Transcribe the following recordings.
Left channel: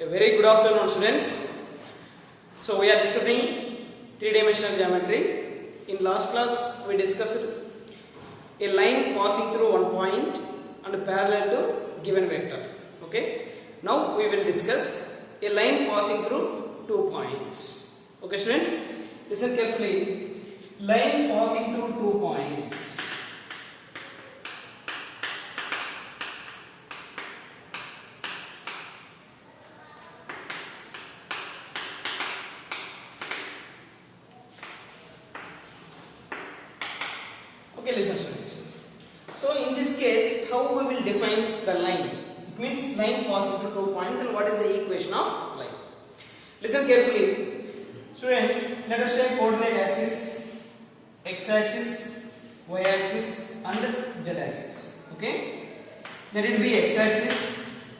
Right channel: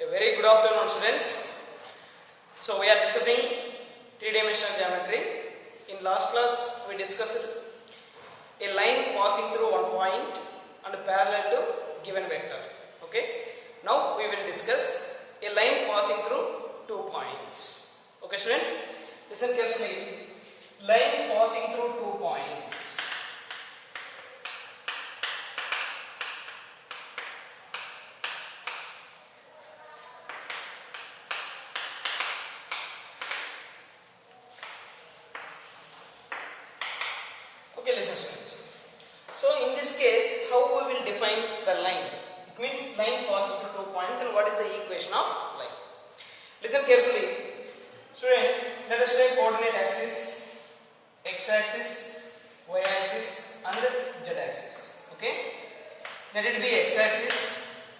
A very good afternoon, students. So we are discussing three-dimensional geometry. In last class, we discussed a line passing through one point and parallel to given vector. Okay. Now we will discuss a line passing through 2 points. Okay, students. Listen carefully. Line passing through 2 points. Okay, listen students. So in this case, how we will define the line? It means line passing through 2 points. Then what is the equation of line? Listen carefully. Students, let us take coordinate axis, x-axis, y-axis and z-axis. Okay? Let it be x-axis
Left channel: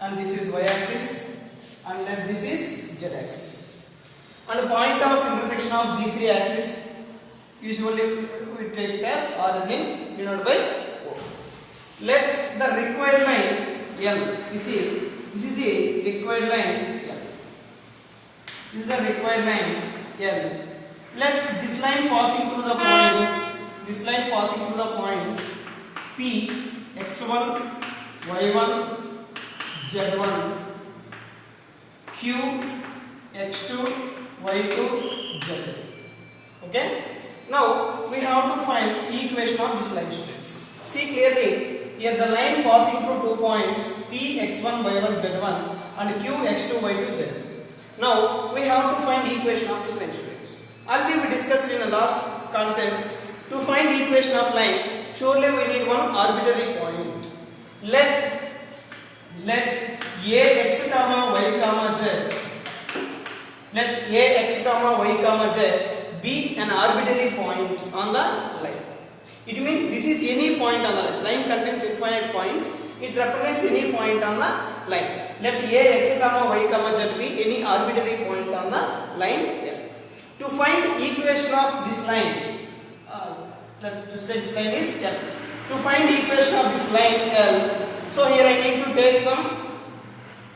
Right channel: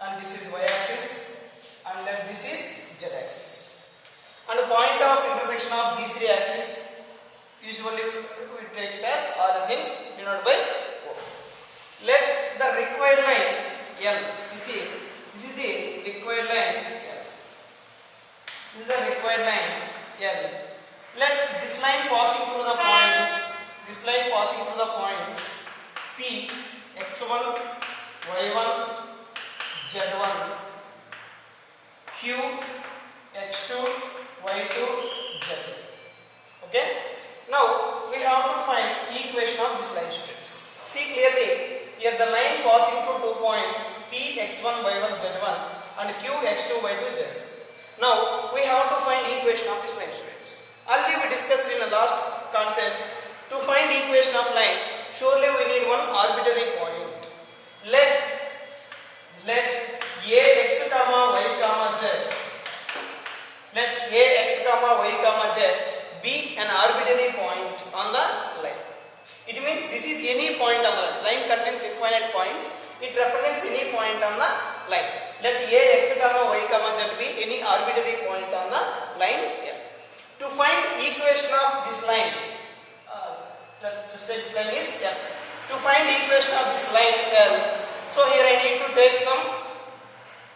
and this is y-axis and let this is z-axis. And the point of intersection of these three axes usually we take it as origin denoted by O. Let the required line L. This is the required line L. This is the required line L. Let this line passing through the points. This line passing through the points P, x1, y1, z1, Q, x2, y2, z2. Okay. Now we have to find equation of this line, students. See clearly here the line passing through 2 points P, x1, y1, z1 and Q, x2, y2, z2. Now we have to find equation of this line, students. Already we discussed in the last concepts. To find equation of line, surely we need one arbitrary point. Let ax comma y comma z. Let ax comma y comma z be an arbitrary point on the line. It means this is any point on the line. Line contains infinite points. It represents any point on the line. Let ax comma y comma z be any arbitrary point on the line L. To find equation of this line, let's take this line is L. To find equation of this line L, so here I need to take some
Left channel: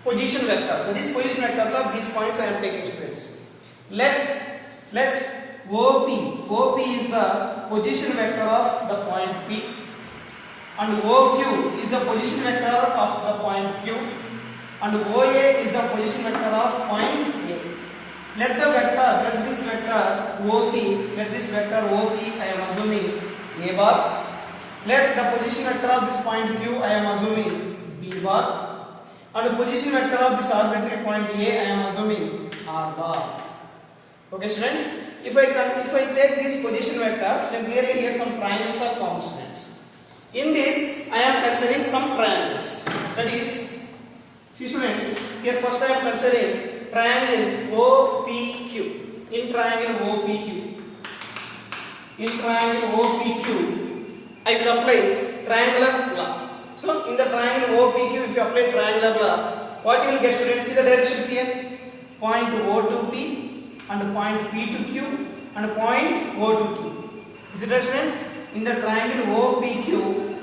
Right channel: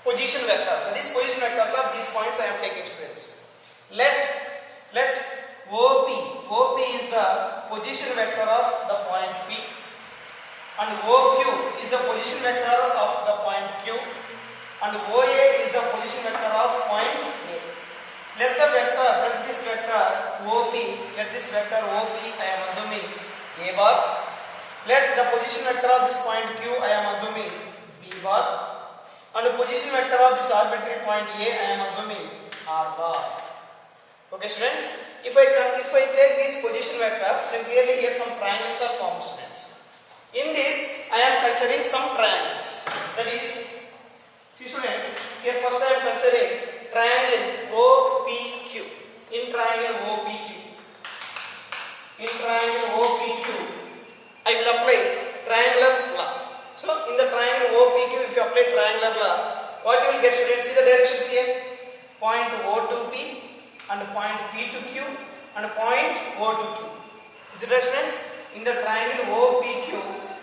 position vectors. That is position vectors of these points I am taking, students. Let OP is the position vector of the point P and OQ is the position vector of the point Q and OA is the position vector of point A. Let this vector OP, I am assuming A bar. Let the position vector of this point Q, I am assuming B bar. And the position vector of this arbitrary point A, I am assuming R bar. Okay, students. If I take these position vectors, then clearly here some triangles are formed, students. In this, I am considering some triangles. That is, see students, here first I am considering triangle OPQ. In triangle OPQ, I will apply triangular law. So in the triangle OPQ, if you apply triangular law, what you will get, students? See the directions here. Point O to P and point P to Q and point O to Q. Is it right, students? In the triangle OPQ,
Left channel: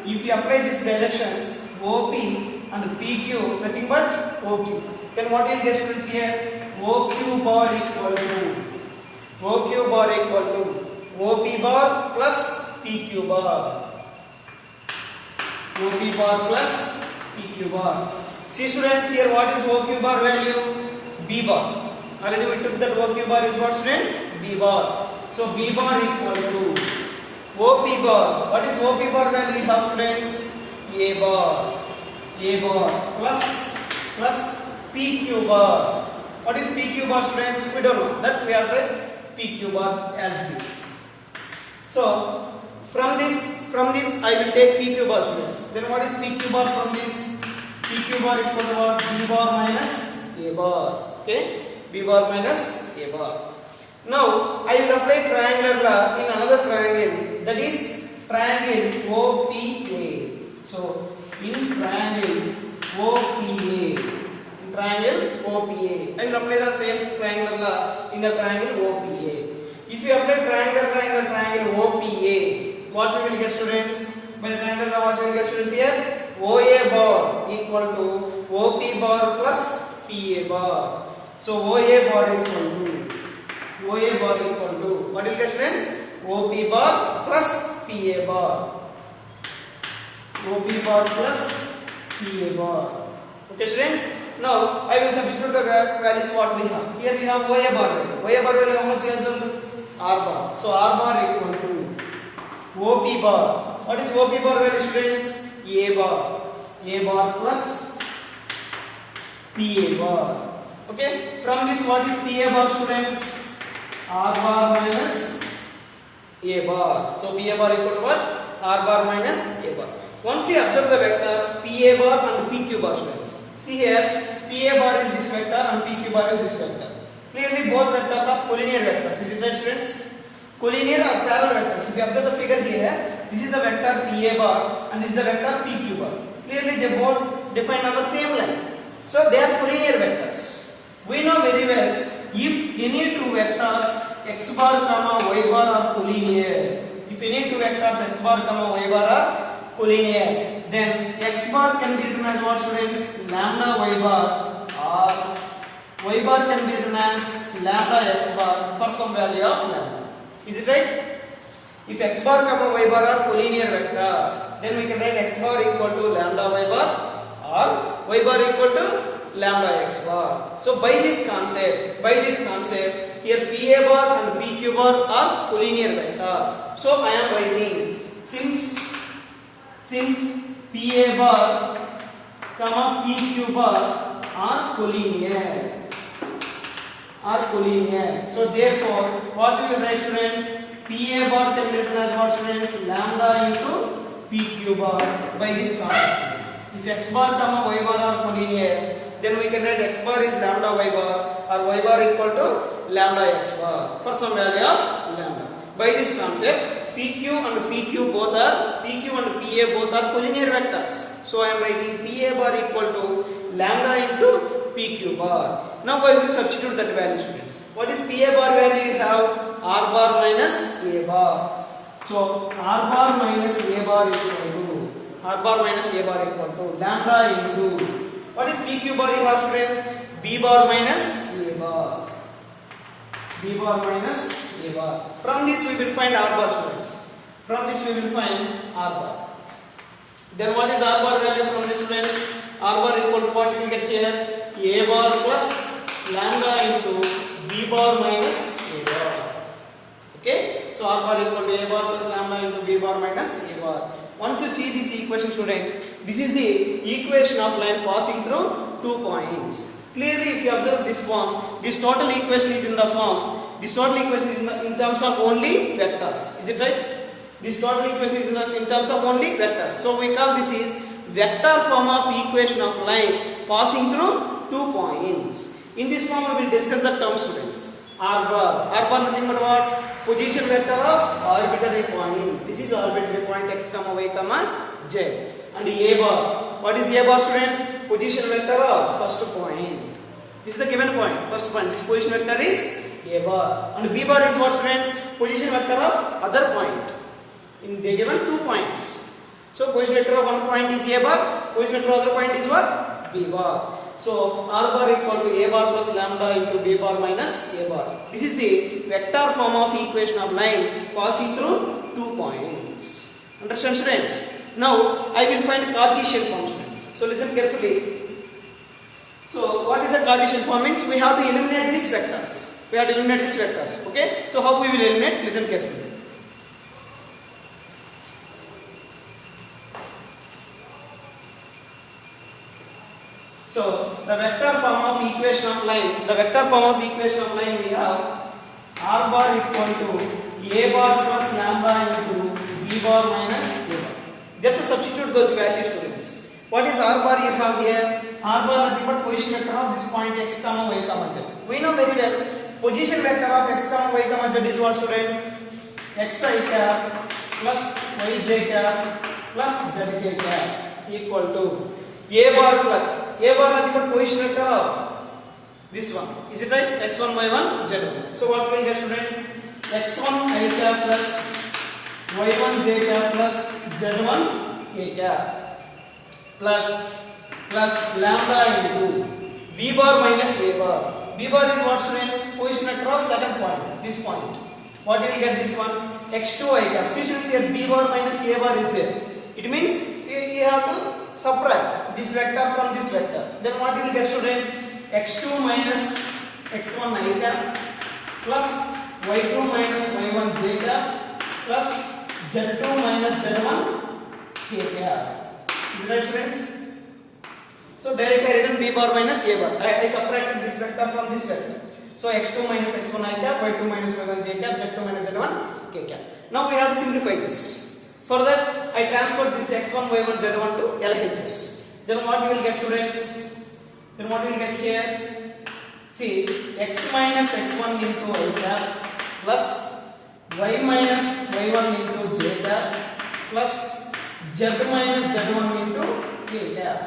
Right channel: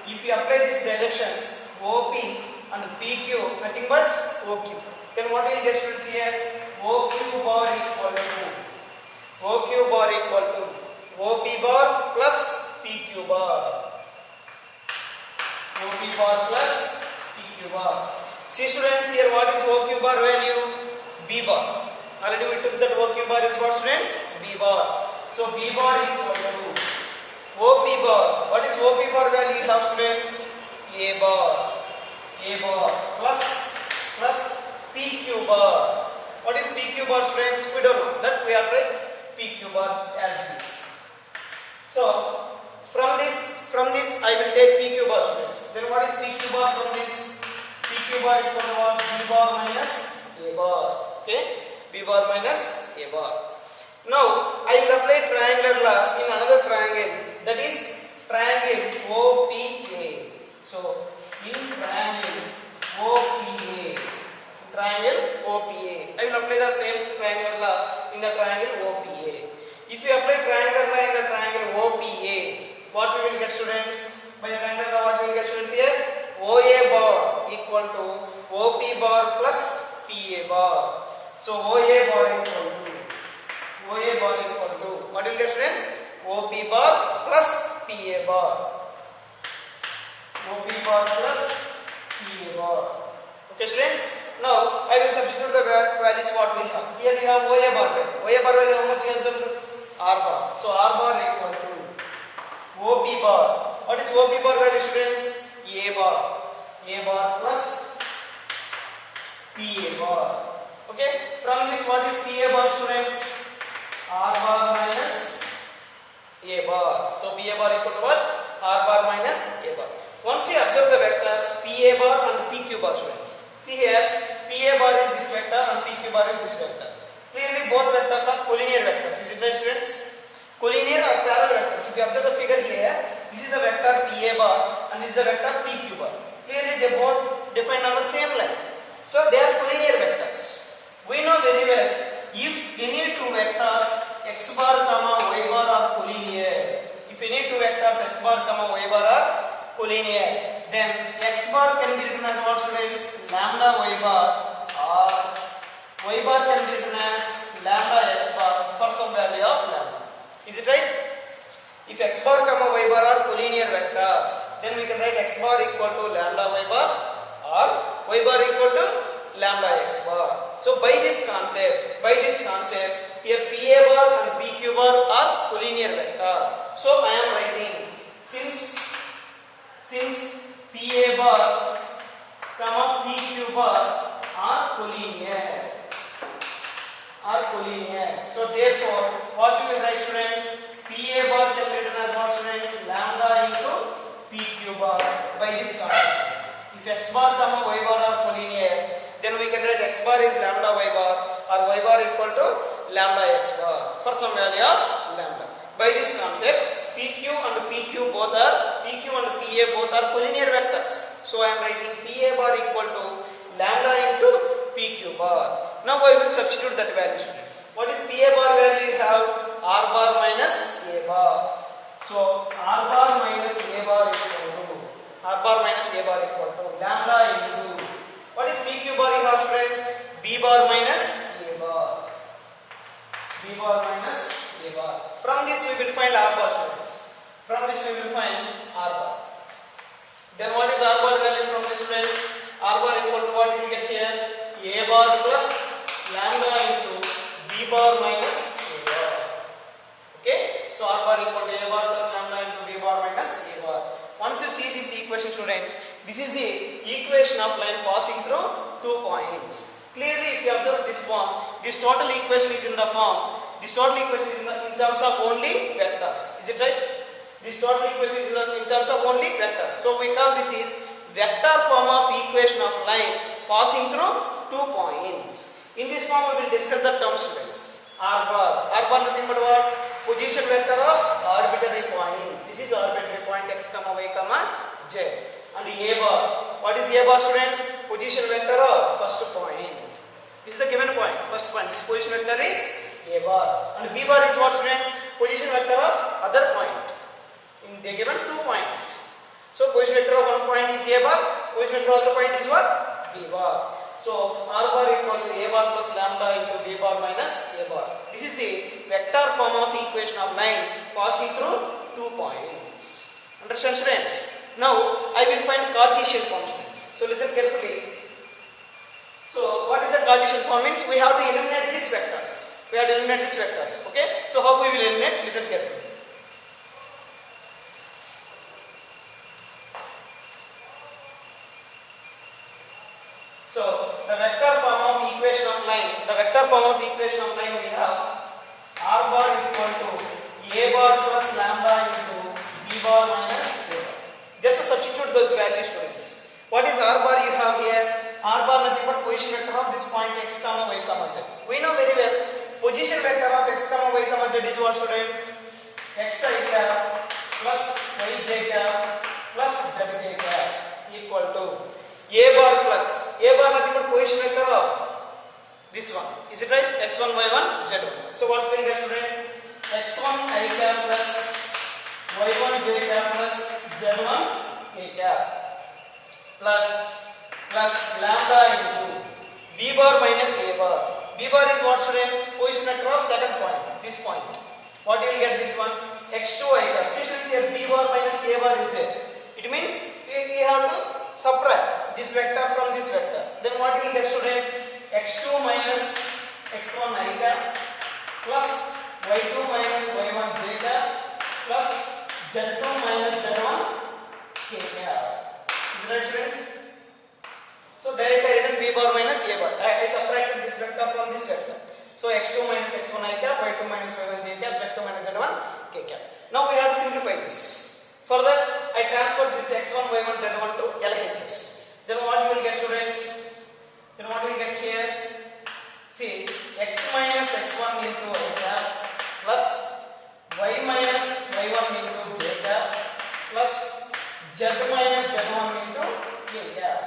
if you apply these directions OP and PQ, nothing but OQ, then what will you get, students, here? OQ bar equal to OP bar plus PQ bar. OP bar plus PQ bar. See students, here what is OQ bar value? B bar. Already we took that OQ bar is what, students? B bar. So B bar equal to OP bar. What is OP bar value you have, students? A bar. A bar plus PQ bar. What is PQ bar, students? We don't know. That we have read PQ bar as this. So from this I will take PQ bar, students. Then what is PQ bar from this? PQ bar equal to what? B bar minus A bar. Okay? B bar minus A bar. Now I will apply triangular law in another triangle, that is triangle OPA. So in triangle OPA, I will apply the same triangular law in the triangle OPA. If you apply triangular law in the triangle OPA, what we will get, students? By the triangular law, what we will get, students, here? OA bar equal to OP bar plus PA bar. So OA bar equal to what will you get, students? OP bar plus PA bar. OP bar plus PA bar. Okay, students. Now I will substitute the values what we have. Here we have OA bar value. OA bar value how much is R bar. So R bar equal to OP bar. What is OP bar value, students? A bar. A bar plus PA bar. Okay. From this, what is PA bar, students? R bar minus A bar. So PA bar equal to what? R bar minus A bar. Once you observe the vectors PA bar and PQ bar, students. See here, PA bar is this vector and PQ bar is this vector. Clearly, both vectors are collinear vectors. Is it right, students? Collinear or parallel vectors. If you observe the figure here, this is the vector PA bar and this is the vector PQ bar. Clearly, they both defined on the same line. So they are collinear vectors. We know very well, if any two vectors x bar comma y bar are collinear, if any two vectors x bar comma y bar are collinear, then x bar can be written as what, students? Lambda y bar, or y bar can be written as lambda x bar for some value of lambda. Is it right? If x bar comma y bar are collinear vectors, then we can write x bar equal to lambda y bar or y bar equal to lambda x bar. So by this concept, here PA bar and PQ bar are collinear vectors. So I am writing since PA bar comma PQ bar are collinear. So therefore, what we will write, students? PA bar can be written as what, students? Lambda into PQ bar by this concept. If x bar comma y bar are collinear, then we can write x bar is lambda y bar or y bar equal to lambda x bar for some value of lambda. By this concept, PQ and PA both are collinear vectors. So I am writing PA bar equal to lambda into PQ bar. Now I will substitute that value, students. What is PA bar value? You have R bar minus A bar. So R bar minus A bar equal to lambda into, what is PQ bar? You have, students, B bar minus A bar. From this we will find R bar, students. Then what is R bar value from this, students? R bar equal to what we get here? A bar plus lambda into B bar minus A bar. Okay, so R bar equal to A bar plus lambda into B bar minus A bar. Once you see this equation, students, this is the equation of line passing through 2 points. Clearly, if you observe this form, this total equation is in the form, in terms of only vectors. Is it right? This total equation is in terms of only vectors. So we call this is vector form of equation of line passing through 2 points. In this form, we will discuss the term, students. R bar nothing but what? Position vector of arbitrary point. This is arbitrary point x comma y comma z. And A bar. What is A bar, students? Position vector of first point. This is the given point. First point. This position vector is A bar. And B bar is what, students? Position vector of other point. They given 2 points. So position vector of one point is A bar. Position vector of other point is what? B bar. So R bar equal to A bar plus lambda into B bar minus A bar. This is the vector form of equation of line passing through 2 points. Understand, students? Now I will find Cartesian form, students. So listen carefully. So what is the Cartesian form? Means we have to eliminate these vectors. Okay. So how we will eliminate? Listen carefully. So the vector form of equation of line we have R bar equal to A bar plus lambda into B bar minus A bar. Just to substitute those values, students. What is R bar you have here? R bar nothing but position vector of this point x comma y comma z. We know very well position vector of x comma y comma z is what, students? Xi cap plus yj cap plus zk cap equal to A bar nothing but position vector of this one. Is it right? X1, Y1, Z1. So what will you get, students? X1 I cap plus Y1 J cap plus Z1 K cap plus lambda into B B bar minus A bar. B bar is what, students? Position across second point, this point. What you will get this one? X2 I cap. See students, here B bar minus A bar is there. It means we have to subtract this vector from this vector. Then what you will get, students? X2 minus X1 I cap plus Y2 minus Y1 J cap plus Z2 minus Z1 K cap. Is it right, students? So directly I written B bar minus A bar. I subtracted this vector from this vector. So x2 minus x1 I cap, y2 minus y1 j cap, z2 minus z1 k cap. Now we have to simplify this. For that, I transferred this x1, y1, z1 to LHS. Then what you will get, students? Then what you will get here? See, x minus x1 into I cap plus y minus y1 into j cap plus z minus z1 into k cap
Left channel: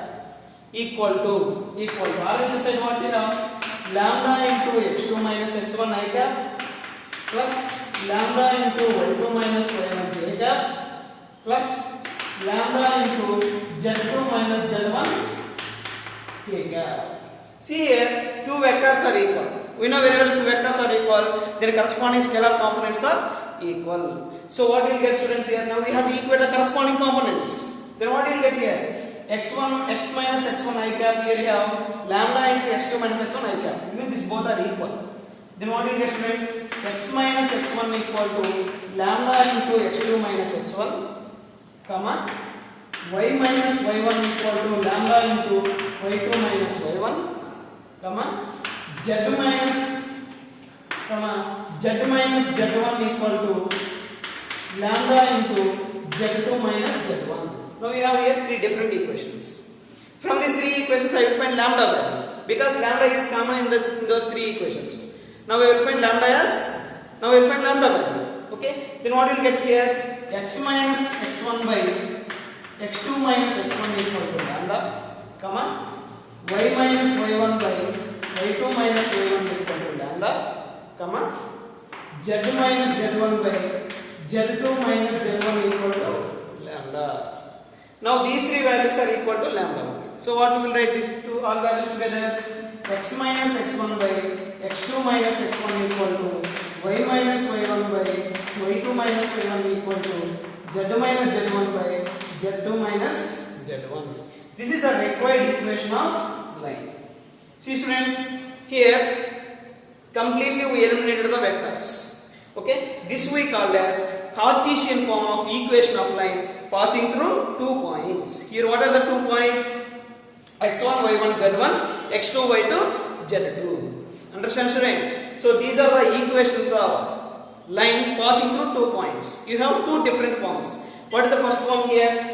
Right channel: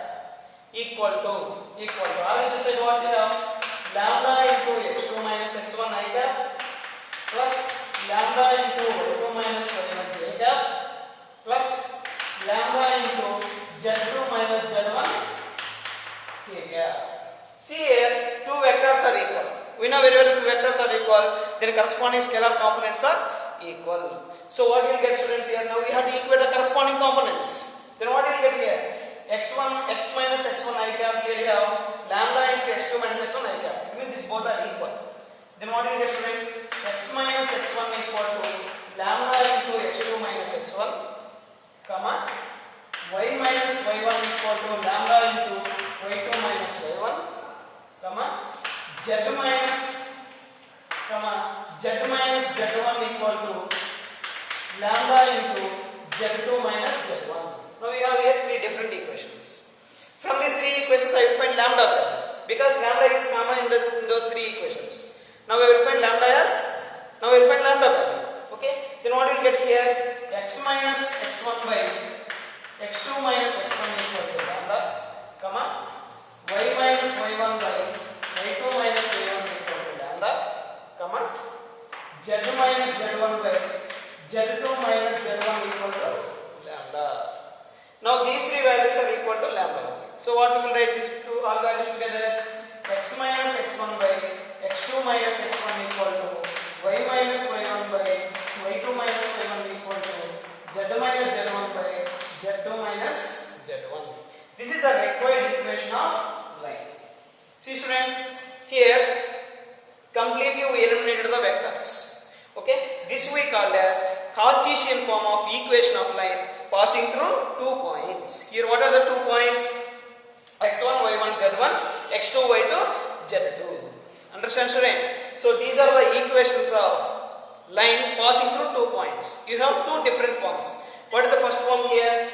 equal to RHS side what you have? Lambda into x2 minus x1 I cap plus lambda into y2 minus y1 j cap plus lambda into z2 minus z1 k cap. See here, two vectors are equal. We know very well two vectors are equal. Their corresponding scalar components are equal. So what you will get, students, here? Now we have to equate the corresponding components. Then what you will get here? X minus x1 I cap, here you have lambda into x2 minus x1 I cap. It means these both are equal. Then what you will get, students? X minus x1 equal to lambda into x2 minus x1, comma y minus y1 equal to lambda into y2 minus y1, comma z minus z1 equal to lambda into z2 minus z1. Now we have here three different equations. From these three equations I will find lambda value because lambda is common in those three equations. Now we will find lambda value. Okay. Then what we will get here? X minus x1 by x2 minus x1 equal to lambda, comma y minus y1 by y2 minus y1 equal to lambda, comma z minus z1 by z2 minus z1 equal to lambda. Now these three values are equal to lambda. So what we will write these two all values together? X minus x1 by x2 minus x1 equal to y minus y1 by y2 minus y1 equal to z minus z1 by z2 minus z1. This is the required equation of line. See students, here completely we eliminated the vectors. Okay, this we called as Cartesian form of equation of line passing through 2 points. Here what are the 2 points? x1, y1, z1, x2, y2, z2. Understand, students? So these are the equations of line passing through 2 points. You have two different forms. What is the first form here?